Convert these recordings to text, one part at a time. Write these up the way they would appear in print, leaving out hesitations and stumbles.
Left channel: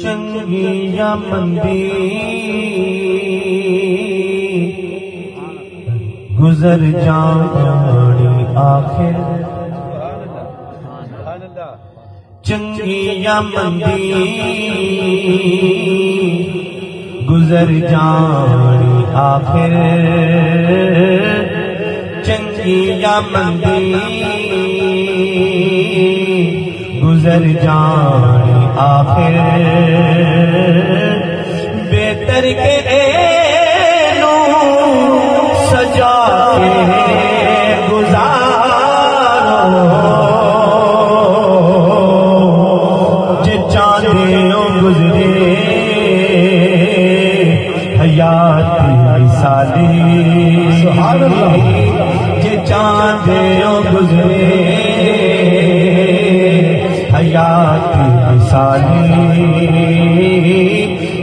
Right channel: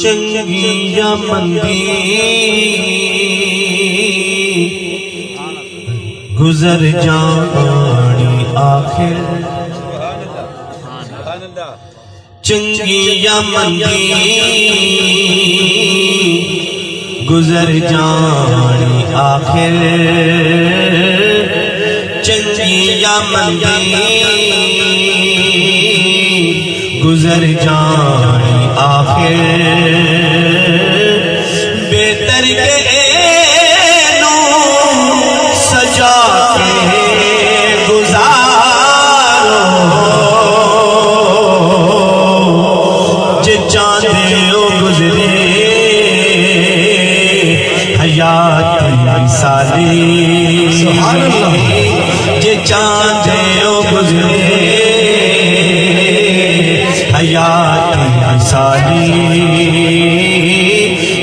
चंगी या मंदी गुजर जानी आखिर, चंगी या मंदी गुजर जानी आखिर, चंगी या मंदी गुजर जानी आखिर, बेहतर के नू सजा के गुजारो, जे चांदे गुजरे हयात मिसाली, जे चांदे गुजरे हयात मिसाली,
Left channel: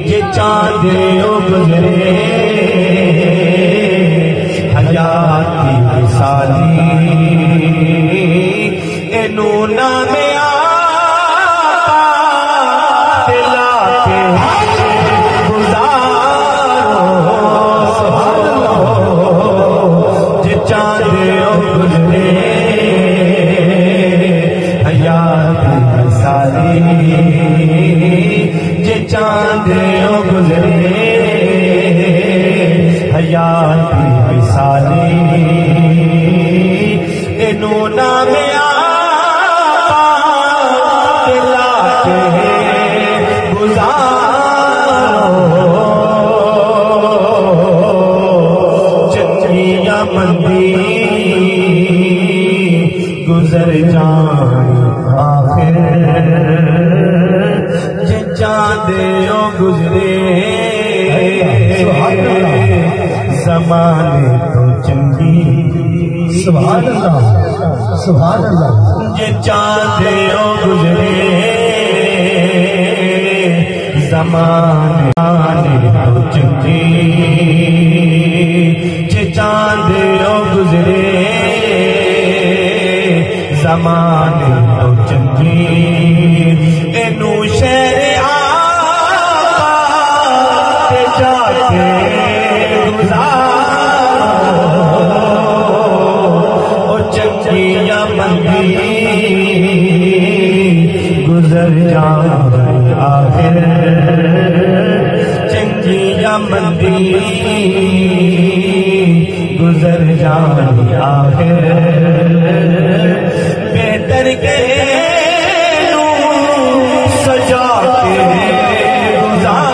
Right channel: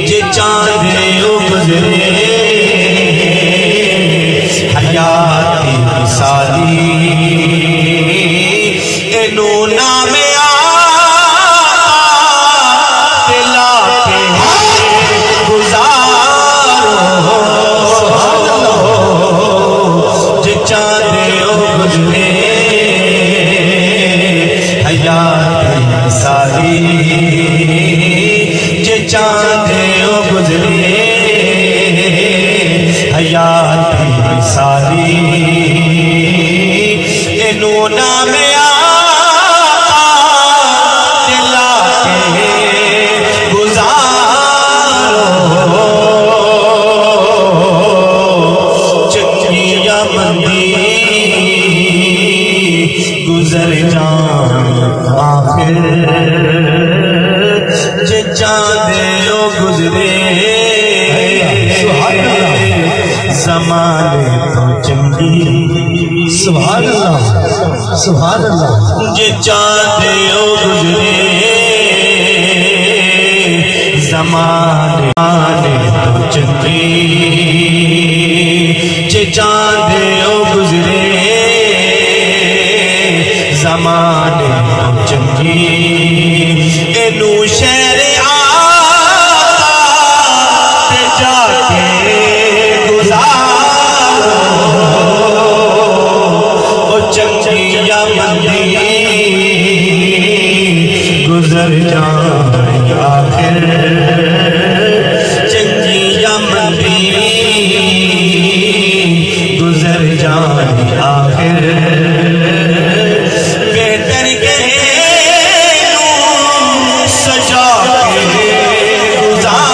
जे चांदे गुजरे हयात मिसाली, एनू नामे दिला के गुजारो, जे चांदे गुजरे हयात मिसाली, जे चांदे गुजरे हयात मिसाली, एनू नामे दिला के गुजारो, चंगी या मंदी गुजर जान आखिर, जे चांदे गुजरे ज़माने तो चंगी, सुभान अल्लाह सुभान अल्लाह, जे चांदे गुजरे ज़माने तो चंगी, जे चांदे गुजरे ज़माने तो चंगी, एनू शहर आते जाके गुजारो, ओ चंगी या मंदी गुजर जानी आखिर, चंगी या मंदी गुजर जानी आखिर, बेहतर के सजा के गुजारो,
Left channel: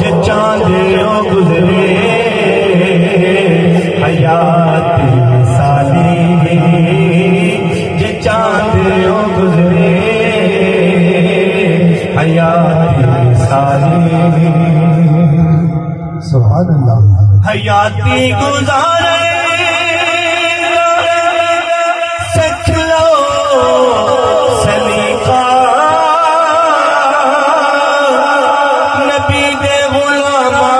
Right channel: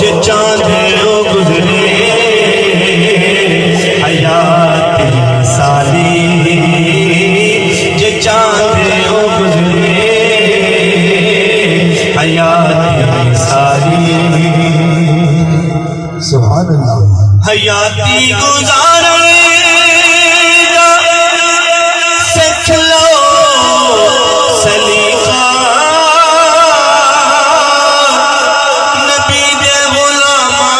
जे चांदे गुजरे हयात मिसाली, जे चांदे गुजरे हयात मिसाली, सुभान अल्लाह, हयाती गुजारे सीख लो सलीका, नबी दे गुलामा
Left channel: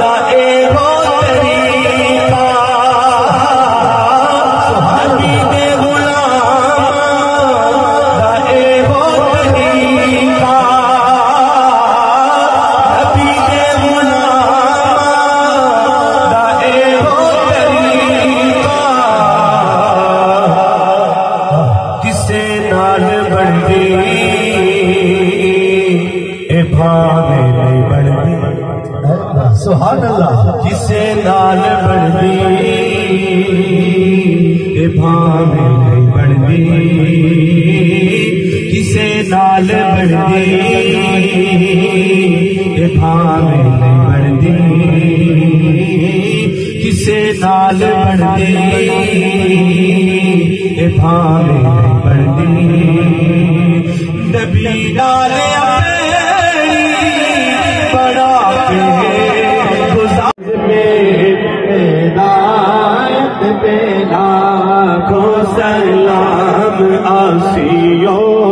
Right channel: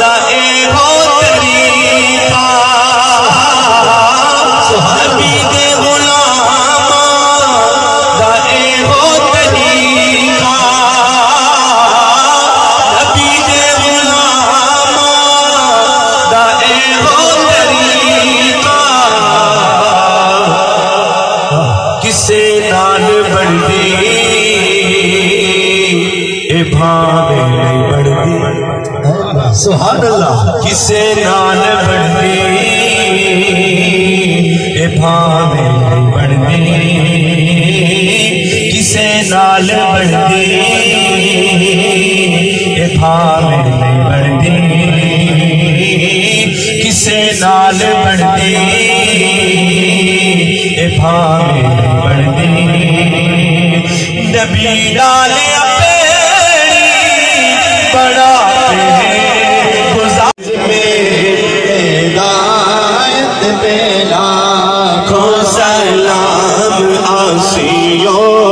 दा एहो तरीका, नबी दे गुलामा दा एहो तरीका, नबी दे गुलामा दा एहो तरीका, किसे नाल बनदी ए भावे नहीं बनदी, सुभान अल्लाह, किसे नाल बनदी ए भावे नहीं बनदी, किसे नाल बनदी ए भावे नहीं बनदी, किसे नाल बनदी ए भावे नहीं बनदी, नबी नाल अपनी बड़ा के गुजार में हिदायत पे लाखों सलाम आसियों